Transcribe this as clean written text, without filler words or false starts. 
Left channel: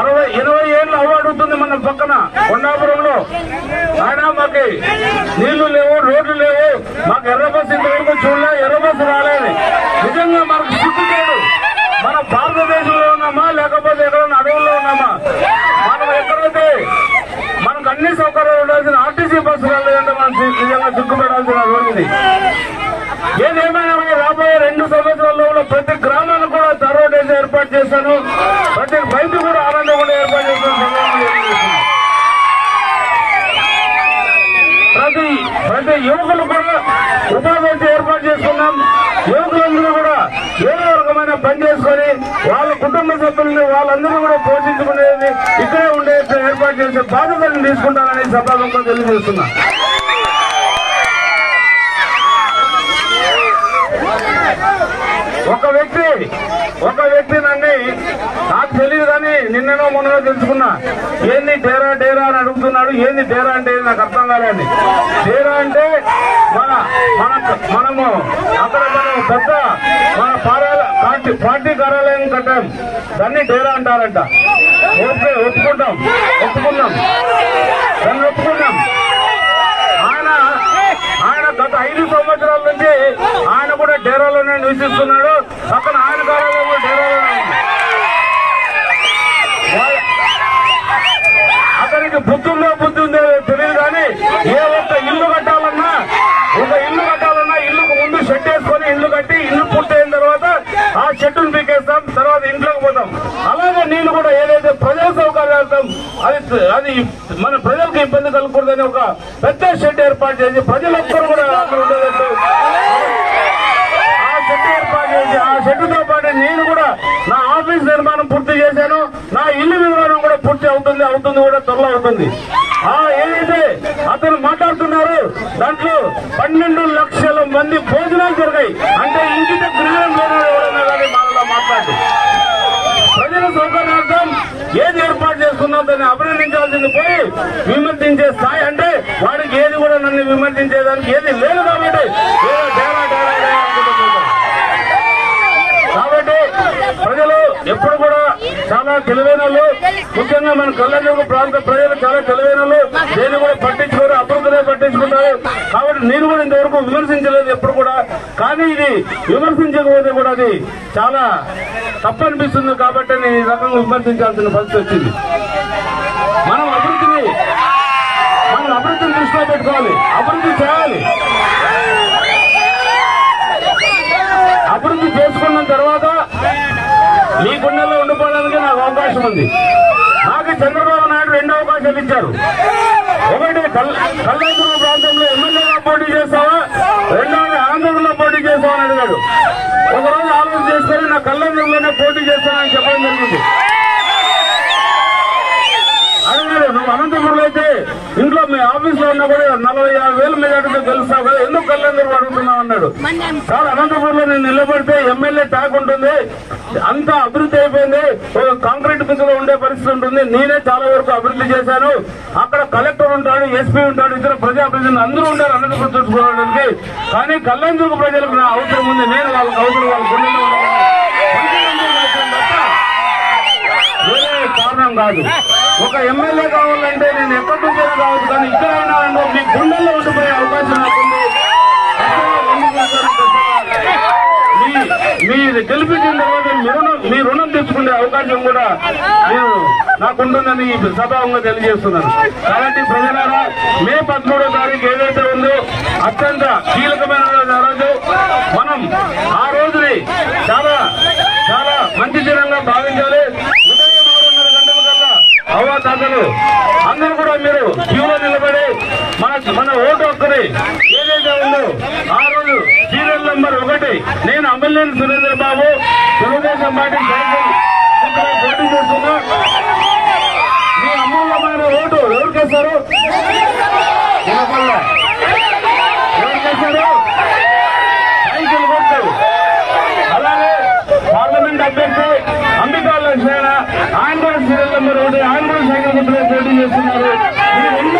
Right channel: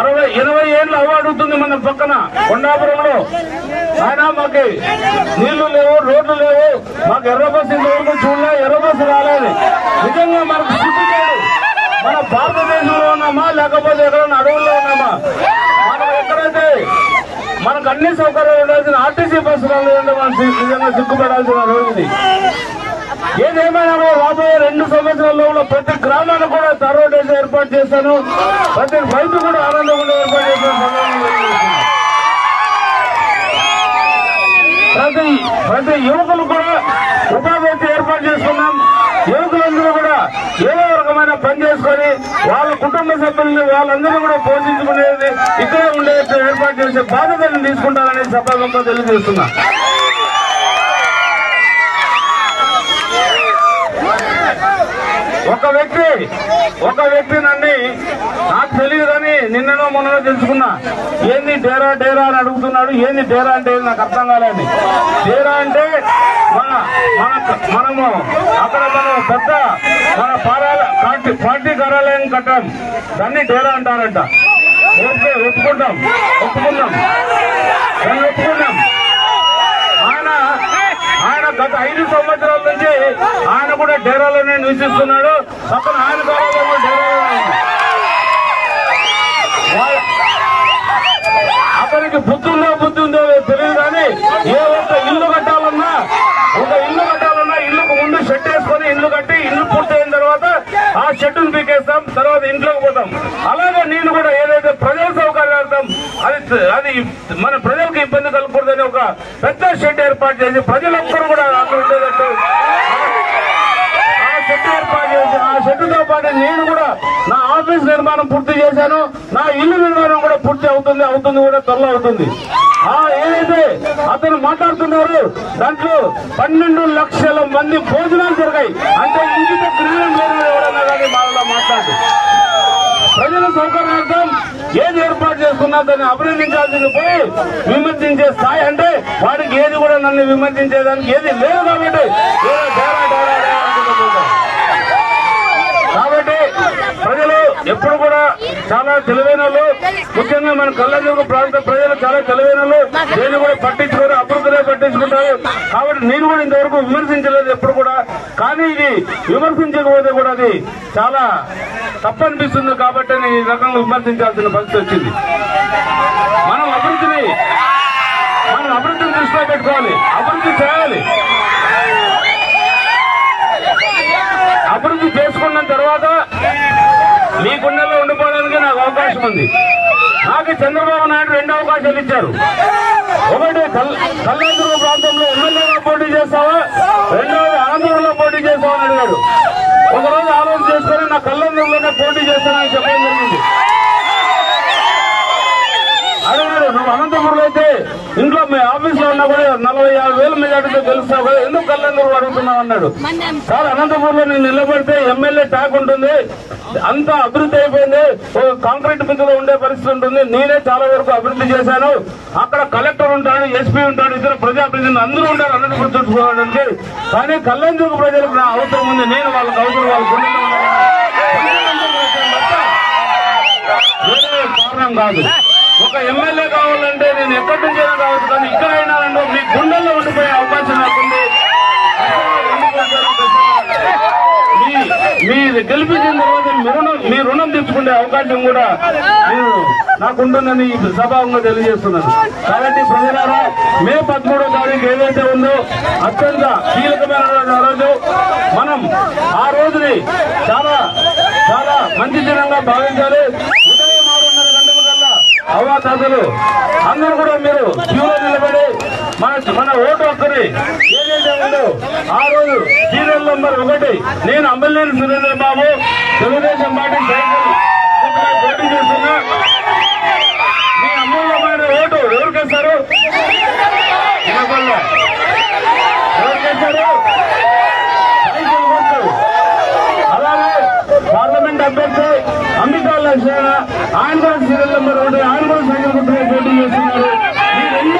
80 ఏళ్ళు అడుగుతుంది మన పక్కన కొండాపురంలో. ఆయన మాకు నీళ్లు లేవు, రోడ్లు లేవు, మాకు ఎర్ర బస్సు ఇంతవరకు చూడలే, ఎర్ర బస్సు రాలేదు. నిజంగా మనకు సిగ్గుతాడు. మన భారతదేశంలో ఉన్నామా లేకపోతే ఎక్కడన్నా అడవుల్లో ఉన్నామా? మనం ఎక్కడైతే మనకు అన్ని సౌకర్యాలు ఉండాల్సిన ఆర్టీసీ బస్సులు లేదంటే మనం నిజంగా సిగ్గుపడాల్సిన రోజుది. ఏదేమైనా కూడా రాబోయే 2 సంవత్సరాల్లో కూడా ప్రతి గ్రామాన్ని కూడా తరోడేసి ఏర్పాటు చేస్తాను. ప్రతి రైతు కూడా ఆనందంగా ఏర్పాటు చేస్తాను. ప్రతి యువకులు కూడా ఉపాధి ఏర్పాటు చేసుకున్నాం. యువకులందరూ కూడా ఏదో రకమైన పని చేసుకొని వాళ్ళ కుటుంబ సభ్యుల్ని వాళ్ళందరూ కూడా పోషించుకునేది ఇక్కడే ఉండే ఏర్పాటు చేసే బాధ్యతలను తీసుకుంటారని సభాముఖంగా తెలియజేస్తున్నా. ఒక వ్యక్తి నన్ను నాకు తెలియదని నిన్ననో మొన్ననో తెలుసుకున్నా. ఏంది డేరా అని అడుగుతున్నాడు. ఏంది డేరా అంటే నాకు అర్థం కాలేని. డేరా అంటే మనము అక్కడ మనం పెద్ద మన పార్టీ కార్యాలయం కట్టాం, దాన్ని డేరా అంటారంట. ఓకే, ఒప్పుకుందాం దాన్ని ఒప్పుకున్నాం. ఆయన గత 5 సంవత్సరాల నుంచి ఆయన కూడా డేరాలోనే నివసిస్తున్నాడు. పక్కన ఆయన కార్యాలయం కూడా డేరాలోనే ఉంది. అతనికి బుద్ధి ఉందో తెలియదు కానీ ఏ ఒక్క ఇల్లు కట్టాలన్నా ఇల్లుకు ముందు షెడ్ వేసుకొని ఇల్లు కట్టి ఇల్లు పూర్తయిన తర్వాత ఆ షెడ్డును పీకేస్తాం, తర్వాత ఇంట్లోకి పోతాం. అలాగే నేను కూడా ఏదైతే ప్రజల సౌకర్యార్థం అది మన ప్రజలకు ఇబ్బంది కలగకూడదని ఒక పెద్ద షెడ్ ఏర్పాటు చేసి ప్రజలొక్కరు కూడా అక్కడ ఉండేటట్టు ఆ షెడ్ ఏర్పాటు చేసి ఆ షెడ్డుతో పాటు నేను కూడా నా ఆఫీస్ నిర్మాణం పూర్తి చేశాను. నా ఇల్లు నిర్మాణం కూడా పూర్తి అవుతుంది కూడా త్వరలో అవుతుంది. ఏదైతే అతను మాట్లాడుతున్నారు దాంట్లో 12 లక్షల మంది భోజనాలు దొరికాయి. అంటే ఇంకిత జ్ఞానం లేని ఎవరన్నా కానీ వాళ్ళ మాట్లాడు ప్రజల సౌకర్యార్థం ఏది ఏర్పాటు చేసుకున్నా దాన్ని అభినందించాల్సింది పోయి విమర్శించే స్థాయి అంటే వాడికి ఏది కూడా నన్ను విమర్శించేదానికి ఏది లేదు కాబట్టి ఏదో డేరా అనుకుంటూ పోతాం. కాబట్టి ప్రజలు ఎప్పుడు కూడా చాలా తెలివైన వాళ్ళు, ముఖ్యంగా మన కళ్యాణ ప్రాంత ప్రజలు చాలా తెలివైన వాళ్ళు. నేను కూడా పట్టించుకోరు, అభివృద్ధినే పట్టించుకుంటారు. కాబట్టి నేను కూడా ఇంతవరకు విమర్శించలేదు ఎప్పుడు కూడా. కానీ ఇది విమర్శించకపోతే కూడా అది చాలా తప్పనిపిస్తుంది. కాబట్టి నేను ఈ రకంగా విమర్శించాల్సిన పరిస్థితి వచ్చింది. మనం అభివృద్ధిని దృష్టిలో పెట్టుకోవాలి, అభివృద్ధి చేయాలి. అభివృద్ధి చేసుకున్న తర్వాత మీ గుండెల్లో ఉండిపోవడానికి నాకు అవకాశం ఉంది. నాకు చంద్రబాబు నాయుడు 2 అవకాశాలు ఇచ్చారు. ఒకటి కళ్యాణదుర్గ ప్రాంతంలో ఎమ్మెల్యేగా పోటీ చేస్తావా, రెండవది ఆంధ్రలో పోటీ చేస్తావా అని అడిగాడు. ఒకరోజు ఆలోచన చేసుకుని నా కళ్యాణదుర్గలోనే పోటీ చేస్తానని చెప్పడం జరిగింది. అడిగాడు, నువ్వు అనంతపురంలో అయితే ఇంట్లో మీ ఆఫీస్ లో ఉన్నా కూడా 40,000 మెజార్టీతో గెలుస్తావు కదా, ఎందుకు కళ్యాణదుర్గం అడుగుతున్నావు అన్నాడు. సార్, అనంతపురంలో నేను నిలబడితే ఎమ్మెల్యే ట్యాగ్ ఉంటుంది, అంతా అభివృద్ధి అయిపోయింది, కాంక్రీట్ బిందులో ఉండే పరిస్థితి ఉంటుంది. నేనే చాలా వరకు అభివృద్ధి చేశాను. అక్కడ కలెక్టర్ ఉంటాడు, ఎస్పీ ఉంటాడు, ఇతర ప్రజాప్రతినిధులు అందరూ ఉంటారు అనంతపురం చుట్టుకోవడానికి. కానీ కళ్యాణదుర్గ ప్రజలకు నా అవసరం ఉంది, నేను వాళ్ళకి అవసరం, వాళ్ళ గుండెల్లో ఉన్నాను. వేరే కారణం కాదు. ఒక ఎమ్మెల్యే కావాలంటే నేను ఎక్కడి నుంచైనా కావచ్చు, కానీ ఇక్కడైనా మీ గుండెల్లో ఉండిపోయే అవకాశం నాకుంది. మీరు గెలిపించిన తర్వాత మీ రుణం తెచ్చుకునే అవకాశం కూడా నాకుంటుందని ఈ సభాంగా తెలియజేస్తున్నాను. కాబట్టి ప్రజలారా, మే 13వ తారీఖు ఏదైతే ఉందో అత్యంత కీలకమైన రోజు. మనం ఆ రోజుని చాలా చాలా మంచి దినంగా భావించాలి. ఉదయం 6:30 గంటల కల్లా అవ్వాతాతలు అందరూ కూడా మీరు క్యూలో నిలబడి మన ఓటు హక్కుని ఏదైతే ఉందో ఆ రోజు సీరియల్ నంబర్ 1 నేను అమ్మలేని సురేంద్ర బాబు తెలుగుదేశం పార్టీ ఇక్కడ పోటీ చేస్తున్నా. మీ అమూల్యమైన ఓటు ఎవరికేస్తారు? ఎవరికేస్తారు? అలాగే పార్లమెంట్ అభ్యర్థి అంబికా లక్ష్మణ, ఆయన కూడా సీరియల్ నంబర్ 1, ఆయన కూడా సైకిల్ గుర్తుగా పోటీ చేస్తున్నారు.